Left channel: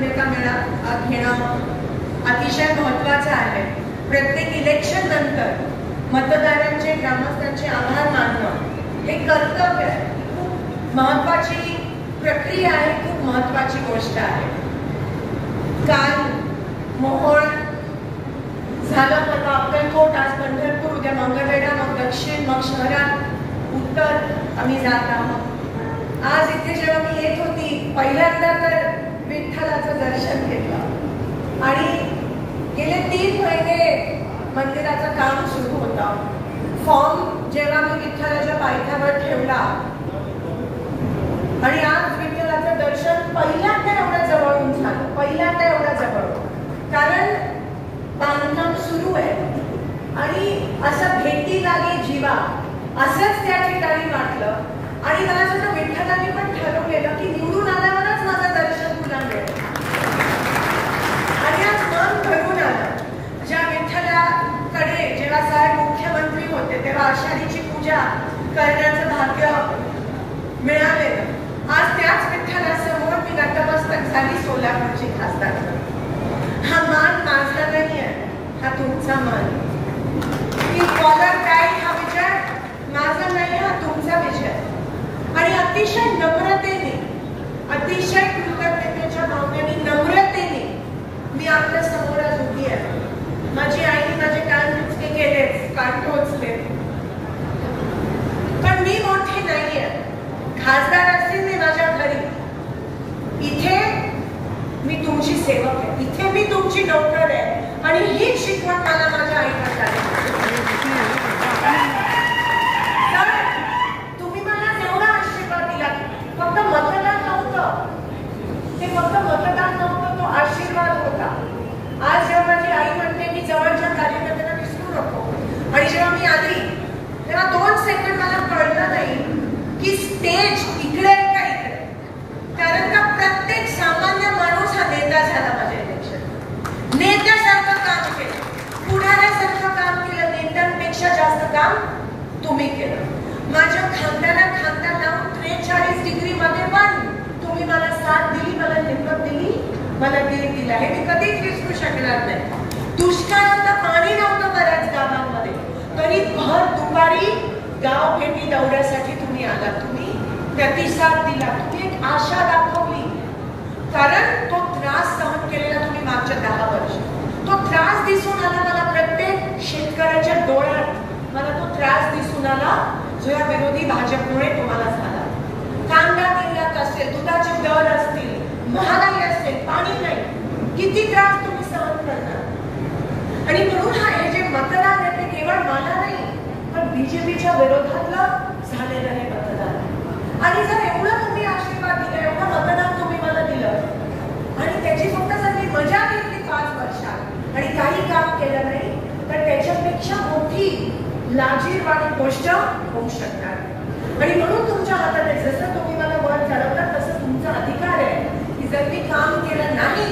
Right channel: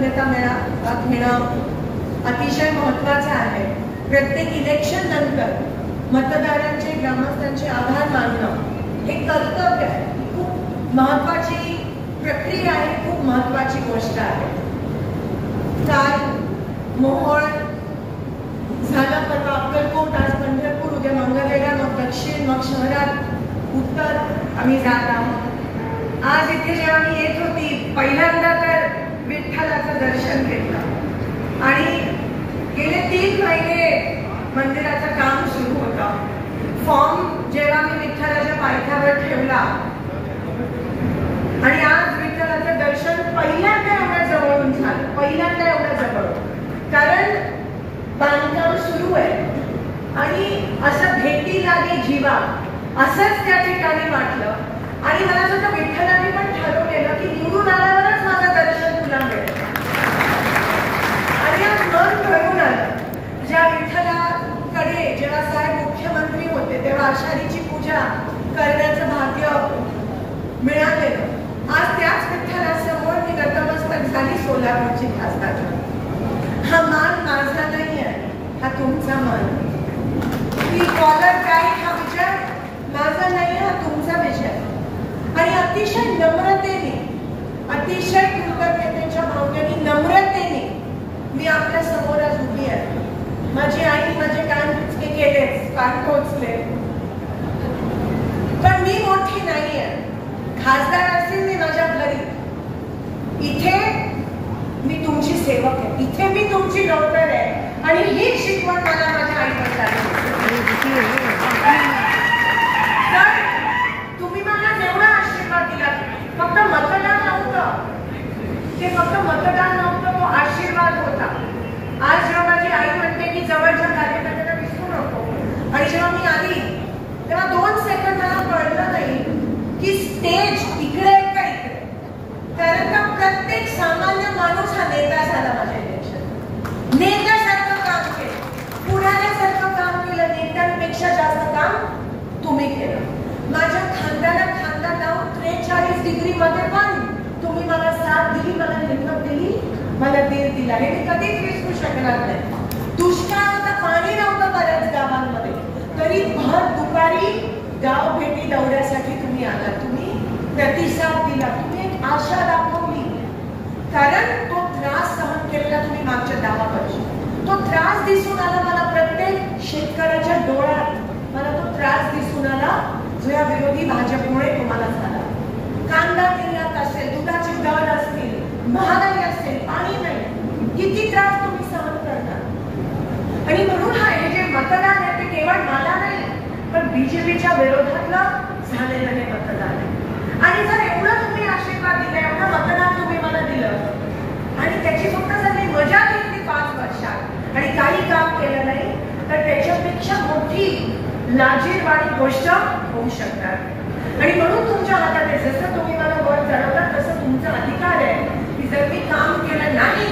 मान्यता घेणं अतिशय महत्त्वाचं आहे. प्रत्येक इलेक्शन नंतर मतदारांचे ग्रामस्थांचे आभार मानणं हे कर्तव्य आहे. खूप महत्त्वाची प्रक्रिया आहे, खूप महत्त्वाची गोष्ट आहे. काल मोहोळ झालं, मग अक्कलकोट, आज पंढरपूर, उद्या मंगळवेढा, मग दक्षिण, मग शहरात उत्तर आम्ही जात आहोत. आज इथे जेव्हा मी येत होती पहिल्यांदा तर विठ्ठलाचं दर्शन घेतलं आणि गेले 3 महिने मंदिराचं काम सुरू होतं. फॉर्म जेव्हा मी विठ्ठलाच्या पायथ्यावर ठेवला आणि आज विठ्ठलाचं दर्शन पहिल्यांदा एवढ्या जवळून झालं, पहिल्यांदा एवढ्या जवळून. कारण बांधकाम सुरू आहे आणि असं भेटी लागे जीवा असंच त्या ठिकाणी वाटलं. आणि मला असं विठ्ठलाने पण ठरवलेलं की निवडून आल्यावरच माझं दर्शन तुला मिळेल. आणि आज मन भरून आलं. ज्या विठ्ठलाकडे जेव्हा साहेब मुख्यमंत्री होते तेव्हा आषाढीची पूजा करण्याचं भाग्य मिळालेलं. आज त्याच विठ्ठलासमोर मी नतमस्तक झाली सोलापूरची खासदार. हा मान माझा नाही आहे, हा तुमचा मान. मी कॉलर बॅग हा विचार माझा नाही, हा तुमचा विचार. आणि अतिशय नम्रतेने, अतिशय कृतज्ञतेच्या भावनेने, नम्रतेने मी आपल्या समोर आज उभी आहे. माझी आईने माझे कान केले, कान टोचले, पण मी मोठी नाहीये. खासदार असतील ते माझ्या घरी, इथे मी तुमची सेवक आहे, इथे मी तुमची नोकर आहे. आणि ही शिकवण मला माझ्या आईने तुम्ही मला जेवढा आशीर्वाद दिला, फक्त मतदान नव्हतं ते, फक्त मतदान नव्हतं, तो आशीर्वाद होता. आज जेव्हा माझी आई म्हणते की जवळच्या कार्यकर्त्यांना विसरू नको, आणि जेव्हा मी आली तेव्हा 2 सेकंद मला कळलं नाही की स्टेज इकडे का इकडे. कारण का प्रत्येक सामान्य माणूस हा नेता झाला. माझ्या इलेक्शन नेत्यासारखं काम केलं, पुढाऱ्यासारखं काम केलं. नेत्यांपेक्षा जास्त काम तुम्ही केलं. माझ्या खांद्याला खांदा लावून 43 डिग्री मध्ये पण तुम्ही मला साथ दिली, मला हिंमत दिली, मला धीर दिला. हे मी कधीच विसरू शकणार नाही. दुष्काळाचं पाणी नव्हतं बऱ्याच गावांमध्ये, तरी भर दुपारी गाव भेटी दौऱ्यासाठी तुम्ही आला, तुम्ही प्रतिसाद दिला, तुम्ही एक आशा दाखवली. कारण तो त्रास सहन केलेला तुम्ही मागच्या 10 वर्ष, तो त्रास दिसून आला मला. प्रत्येक शेतकऱ्याच्या डोळ्यात मला तो त्रास दिसून आला जो या विरोधी भाजपमुळे तुम्हाला झाला. कांदा निर्यात असेल, दुधाचे दर असतील, महागाई असेल, पाणी नाही, किती त्रास तुम्ही सहन करता. आणि म्हणून हे जे मतदान आहे ते केवळ मला नाही, पण बीजेपीच्या विरोधातलं झालेलं हे मतदान. आणि जर एवढं तुम्ही आशीर्वाद दिला, एवढं मतदान तुम्ही मला दिलं आणि त्याची फक्त सगळी मजा घेतली 5 वर्षात आणि काही काम केलं नाही, तर त्याच्यापेक्षा मोठी लाजीरवाणी गोष्ट होऊ शकणार. आणि म्हणून तुमच्या हातात आहे, जसं तुम्ही मला वर चढवता तसं तुमचा अधिकार आहे की जर मी काम केलं नाही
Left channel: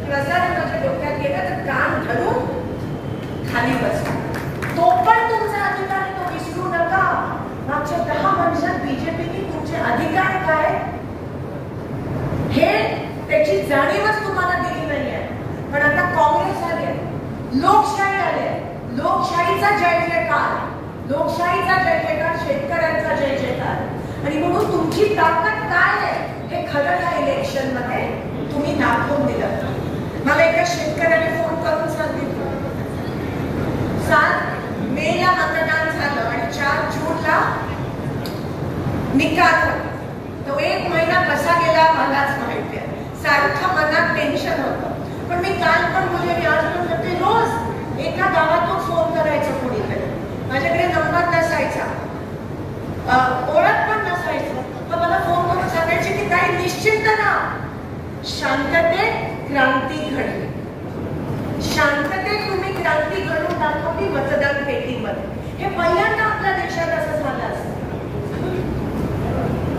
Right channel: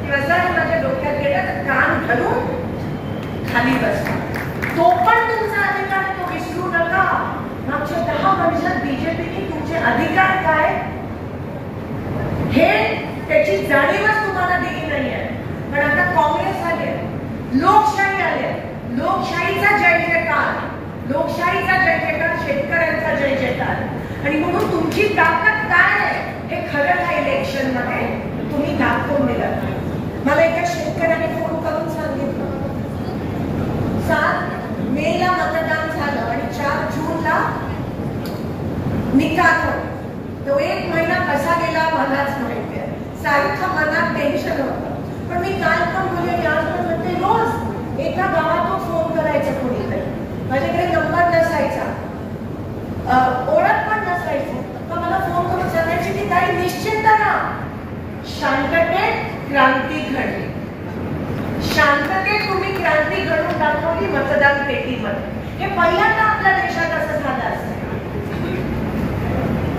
किंवा जर माझ्या डोक्यात गेलं तर कान धरून खाली बसता. तो पण तुमचा अधिकार आहे, तो विसरू नका. मागच्या 10 वर्षात बीजेपीने तुमचे अधिकार काय हे त्याची जाणीवच तुम्हाला दिली नाहीये. पण आता काँग्रेस आले, लोकशाही आले, लोकशाहीचा जय जयकार, लोकशाहीचा जय जयकार, शेतकऱ्यांचा जय जयकार. आणि म्हणून तुमची ताकद काय आहे हे खरं या इलेक्शन मध्ये तुम्ही दाखवून दिलं. मला एका शेतकऱ्याने फोन करून सांगितलं 7 मेला मतदान झालं आणि 4 जूनला निकाल. तो 1 महिना कसा गेला मलाच माहिती आहे. सारखं मनात टेन्शन होतं. पण मी काल पण बोलले, मी आज पण म्हणते, रोज एका गावातून फोन करायचं कुणीकडे. माझ्याकडे नंबर नसायचा, ओळख पण नसायचं, तर मला फोन करून सांगायचे की काही निश्चित ना, शांततेत क्रांती घडली. शांततेत तुम्ही क्रांती घडून दाखवली मतदान पेटीमध्ये. हे पहिल्यांदा आपल्या देशात असं झालं असतं.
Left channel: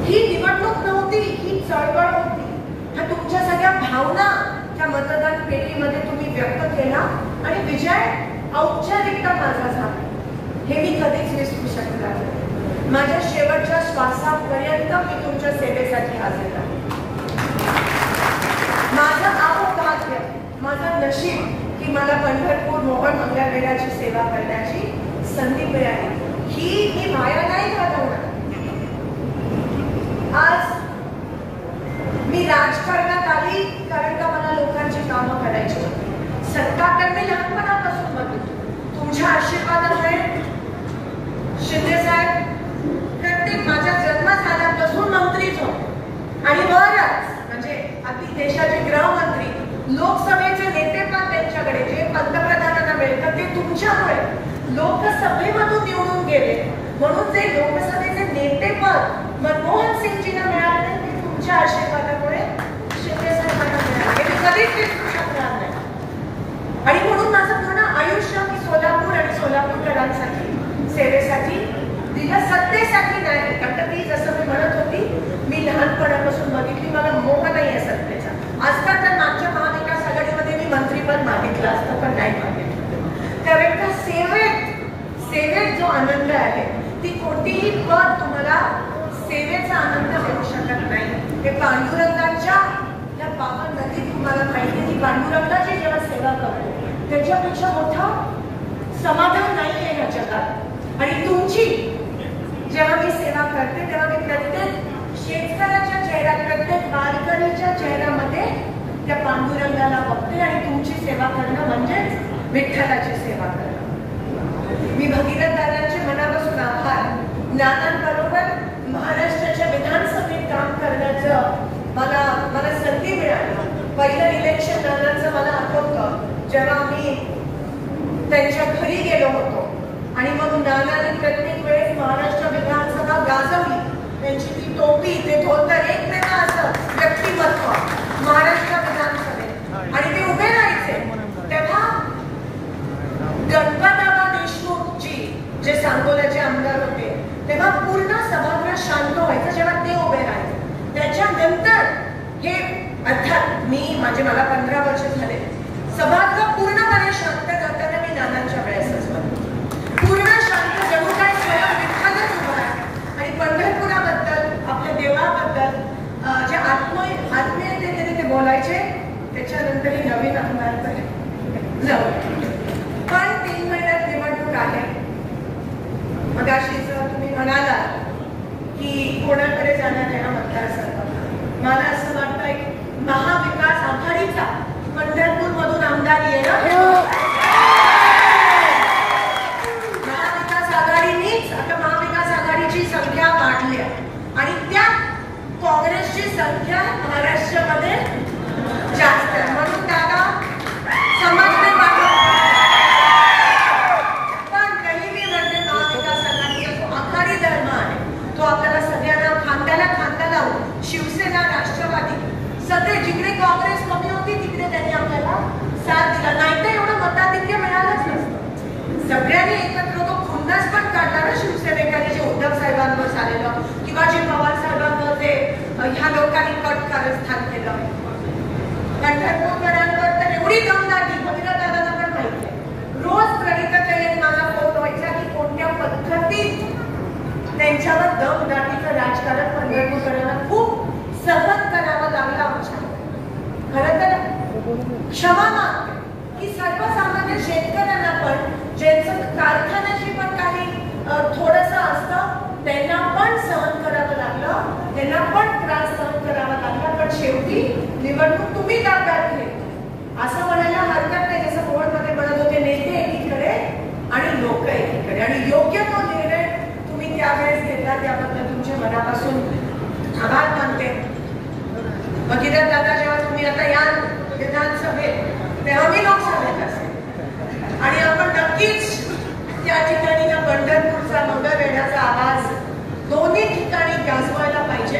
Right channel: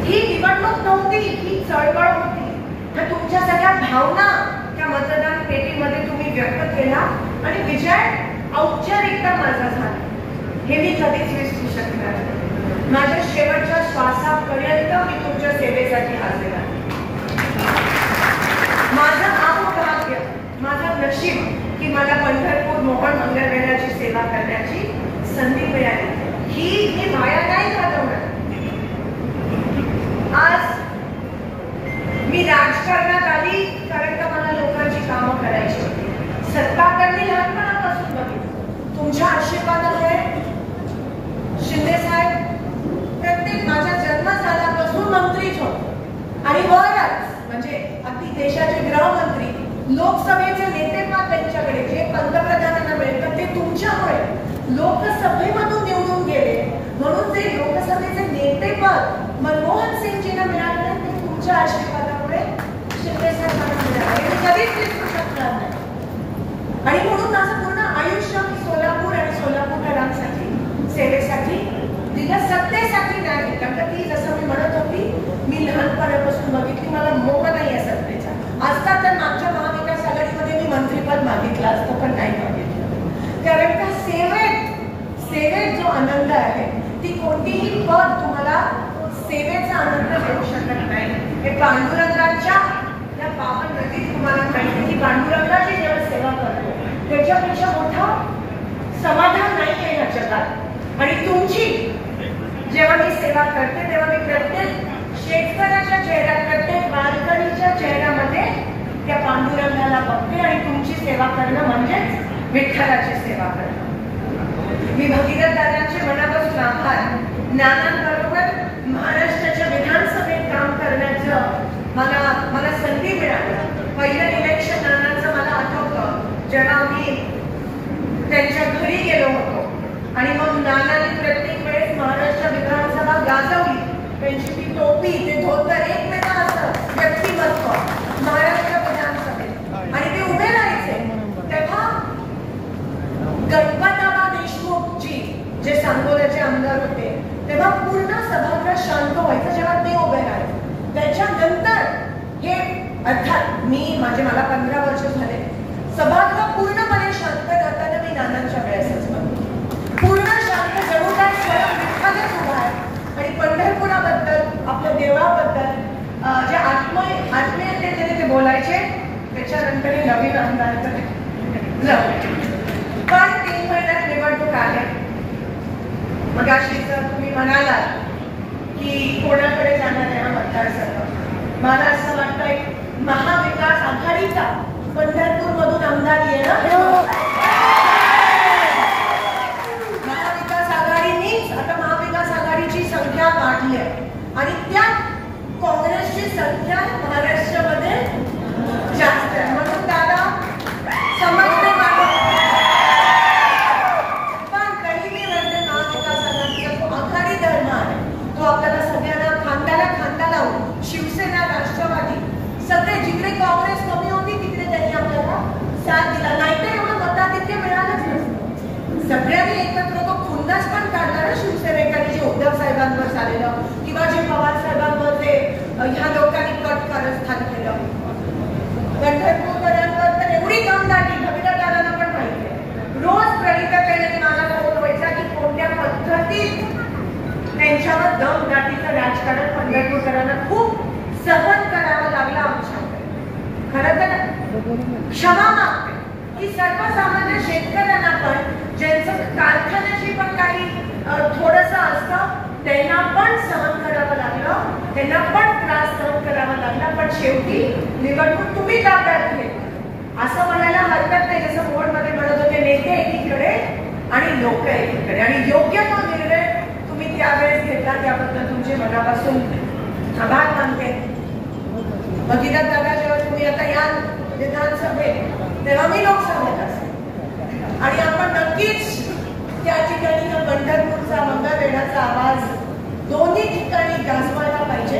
ही निवडणूक नव्हती, ही चळवळ होती. तर तुमच्या सगळ्या भावना त्या मतदान पेटीमध्ये तुम्ही व्यक्त केला आणि विजय औपचारिकता माझा झाला. हे मी कधीच विसरू शकणार नाही. माझ्या शेवटच्या श्वासापर्यंत मी तुमच्या सेवेसाठी हजर आहे. माझं पण मंगळवेढ्याची सेवा करण्याची संधी मिळाली. ही मी वाया नाही घालवणार. आज मी राजकारणात आली कारण का मला लोकांची कामं करायची होती. सत्ताकडे मी लहानपणापासून बघितलं. तुमच्या आशीर्वादामुळे शिंदे साहेब प्रत्येक माझ्या जन्म झाल्यापासून मंत्रीच होते आणि वरच म्हणजे अगदी देशाचे गृहमंत्री, लोकसभेचे नेतेपद त्यांच्याकडे जे पंतप्रधानांना मिळतं ते तुमच्यामुळे लोकसभेमधून निवडून गेले. म्हणून जे लोकसभेचे नेतेपद मनमोहन सिंगजींना मिळाले ते तुमच्या आशीर्वादामुळे शिंदे साहेबांना मिळाले. मी कधीच विसरू शकणार नाही. आणि म्हणून माझं पूर्ण आयुष्य मी सोलापूर आणि सोलापूरकरांसाठी सेवेसाठी दिलं, सत्तेसाठी नाही. कारण ती जसं मी म्हणत होती, मी लहानपणापासून बघितली, मला मोह नाही आहे सत्तेचा. आजता तर मागच्या महाविकास आघाडीमध्ये मी मंत्रीपद मागितलं असतं पण नाही मागितलं. त्यावेळेला सेवेत जो आनंद आहे ती कोणतीही पद तुम्हाला सेवेचा आनंद देऊ शकत नाही. ते पांडुरंगाच्या त्या पावन नदीत तुम्हाला माहिती की पांडुरंगाची जेव्हा सेवा करतो त्याच्यापेक्षा मोठा समाधान नाही आहे या जगात. आणि तुमची जेव्हा मी सेवा करते तेव्हा मी प्रत्येक शेतकऱ्याच्या चेहऱ्यात, प्रत्येक वारकरीच्या चेहऱ्यामध्ये त्या पांडुरंगाला बघते आणि तुमची सेवा करणं म्हणजेच विठ्ठलाची सेवा करणं. मी भगीरथ दादांचे मनापासून आभार. नानांबरोबर महाराष्ट्राच्या विधानसभेत काम करण्याचं मला संधी मिळाली. पहिलं इलेक्शन नानांचं मला आठवतं जेव्हा मी त्यांच्या घरी गेलो होतो आणि मग नानांनी प्रत्येक वेळेस महाराष्ट्र विधानसभा गाजवली. त्यांची ती टोपी, ते धोतर, एक वेगळं असं व्यक्तिमत्व महाराष्ट्र विधानसभेत आणि ते उभे राहायचे. तेव्हा गणपतराव देशमुखजी जे सांगोल्याचे आमदार होते तेव्हा पूर्ण सभागृह शांत व्हायचं जेव्हा ते उभे राहायचे. त्याच्यानंतर हे अर्थात मला 15 वर्ष झाले, सभागृह पूर्णपणे शांत करताना मी नानांच्या वेळेसच पूर्ण शांत जणू काय विठ्ठलच उभा आहे. आणि पंढरपुराबद्दल, आपल्या देवळाबद्दल जे आत्मीयतेने ते बोलायचे. त्याच्यानंतर नवीन आमदारकडे पण 3 महिन्यात निवडणूक आले. मग अशी जर तुम्ही म्हणालात की कोणाकडे जाणार आहे मतदारसंघ, मला असं वाटतंय महाविकास आघाडीचा पंढरपूर मधून आमदार येणं. महाविकास आघाडीनीच आता महाविकास आघाडीची संख्या वाढली आणि त्या काँग्रेसची संख्या महाराष्ट्रामध्ये जास्त आहे. म्हणून दादा समजते पण तरी मी म्हणते महाविकास आघाडीचा तो आघाडी धर्म आहे. तो आपल्याला सगळ्यांना खांद्याला खांदा लावून शिवसेना, राष्ट्रवादी सगळे जिकडे काँग्रेस कमी होती तिकडे त्यांनी आपल्याला साथ दिला. नाही तर एवढं मताधिक्य मिळालंच नसतं. सगळ्यांनी एकत्र तो खुन्नस पण काढला ना शिवसेनेकडे जे उद्धव साहेबांवर झालेलं किंवा जे पवार साहेबांवर जे ह्या लोकांनी कट कारस्थान केलं. पंढरपूरकरांवर तर एवढी दमदाटी भगीरथ दादांना पण माहिती आहे. रोज प्रणिताताईंनी माझा फोन व्हायचा की कोणत्या पद्धतीत त्यांच्यावर दमदाटीचं राजकारण पंढरपूरकरांना खूप सहन करावं लागलं. आमच्या खरं तर क्षमा मागते की सर्वसामान्य शेतकऱ्यांना पण ज्यांचं कारखान्याशी पण काही थोडंसं असतं त्यांना पण सहन करावं लागलं, त्यांना पण त्रास सहन करावा लागला. पण शेवटी निवडणूक तुम्ही ताब्यात घेतली असं म्हणायला हरकत नाही. जसं बोर्डमध्ये म्हणत होते, नेते एकीकडे आणि लोक एकीकडे, आणि योग्य तो निर्णय तुम्ही त्यावेळेस घेतला त्याबद्दल तुमचे मनापासून आभार मानते. भगीरथ दादा, जेव्हा तुम्ही आता या विधानसभेत तेव्हा मी लोकसभेत असेल आणि आपण नक्कीच त्या ठिकाणी या पंढरपूरचा, मंगळवेढ्याचा आवाज दोन्ही ठिकाणी गाजवायला पाहिजे.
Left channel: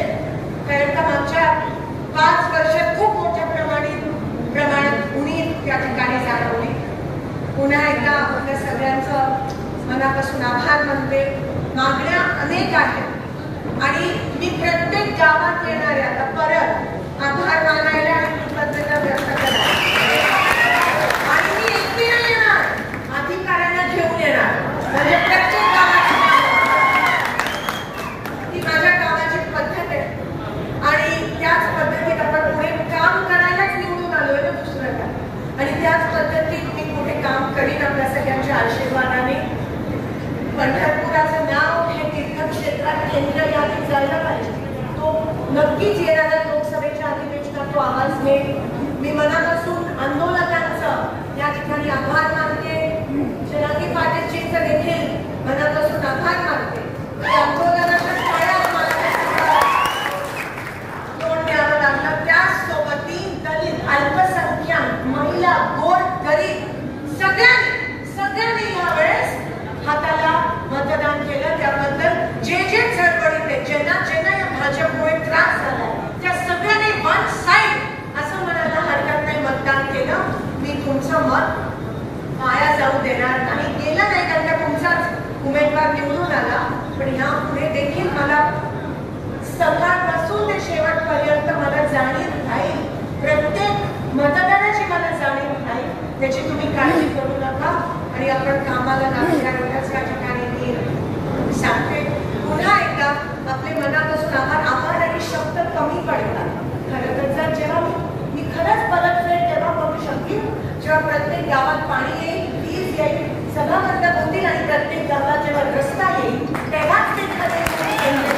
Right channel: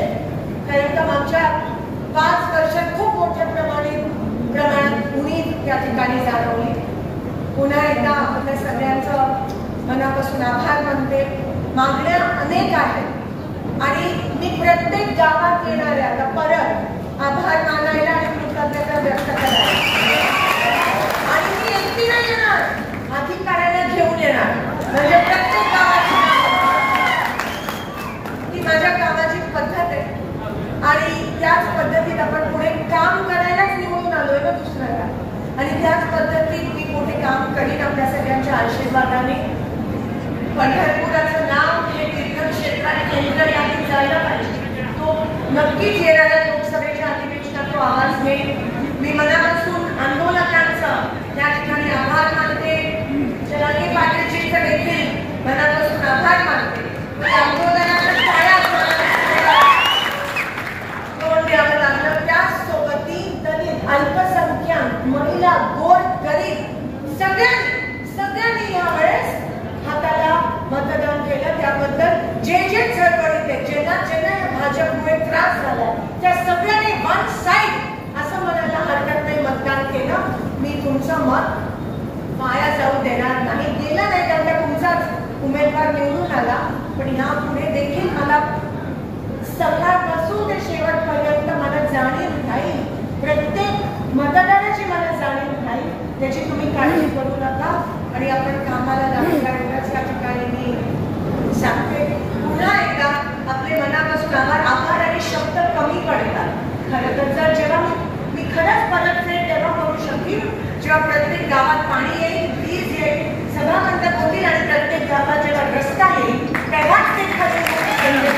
कारण का मागच्या 5 वर्षात खूप मोठ्या प्रमाणात उणीव त्या ठिकाणी जाणवली. पुन्हा एकदा आपल्या सगळ्यांचं मनापासून आभार मानते. मागण्या अनेक आहेत आणि मी प्रत्येक गावात येणाऱ्या आता परत आभार मानायला आणि कृतज्ञता व्यक्त करायला आणि मी एकटीने येणार, अधिकाऱ्यांना घेऊन येणार. म्हणजे प्रत्येक गावाची ती माझ्या गावाची पद्धत आहे आणि त्याच पद्धतीत आपण पुढे काम करायलाच निवडून आलोय ना दुसऱ्याला. आणि त्याच पद्धतीत मी कुठे काम करीन आपल्या सगळ्यांच्या आशीर्वादाने. पंढरपुराचं नाव हे तीर्थक्षेत्राने केंद्र यादीत जायला पाहिजे. तो नक्कीच येणाऱ्या लोकसभेच्या अधिवेशनात तो आवाज घेईल. मी मनापासून आंदोलकांचं त्या ठिकाणी आभार मानते. जरांगे पाटीलजींचं देखील मनापासून आभार मानते. आंदोलनाच्या पायात द्यावं लागलं. त्याचसोबत दलित, अल्पसंख्याक, महिला, गोर, गरीब सगळ्यांनी यावेळेस हाताला मतदान केलं. त्याबद्दल जे चळवळीत ज्यांना या भाजपमुळे त्रास झाला त्या सगळ्यांनी वन साईड असं म्हणायला हरकत नाही मतदान केलं. मी तुमचं मत वाया जाऊ देणार नाही. गेलं नाही त्यामुळे तुमचाच उमेदवार निवडून आला, पण यापुढे देखील मला सकाळपासून ते शेवटपर्यंत मला जाणीव राहील. प्रत्येक मतदाराची मला जाणीव राहील. त्याची तुम्ही काळजी करू नका आणि आपण कामाला लागल्या एवढ्याच या ठिकाणी मी सांगते. पुन्हा एकदा आपले मनापासून आभार आणि शब्द कमी पडतात. खरं तर जर जेव्हा मी खरंच परतफेड तेव्हा करू शकेन जेव्हा प्रत्येक गावात पाणी येईल, वीज येईल, सभामंडप होतील आणि प्रत्येक गावात जेव्हा रस्ता येईल तेव्हाच ते खरं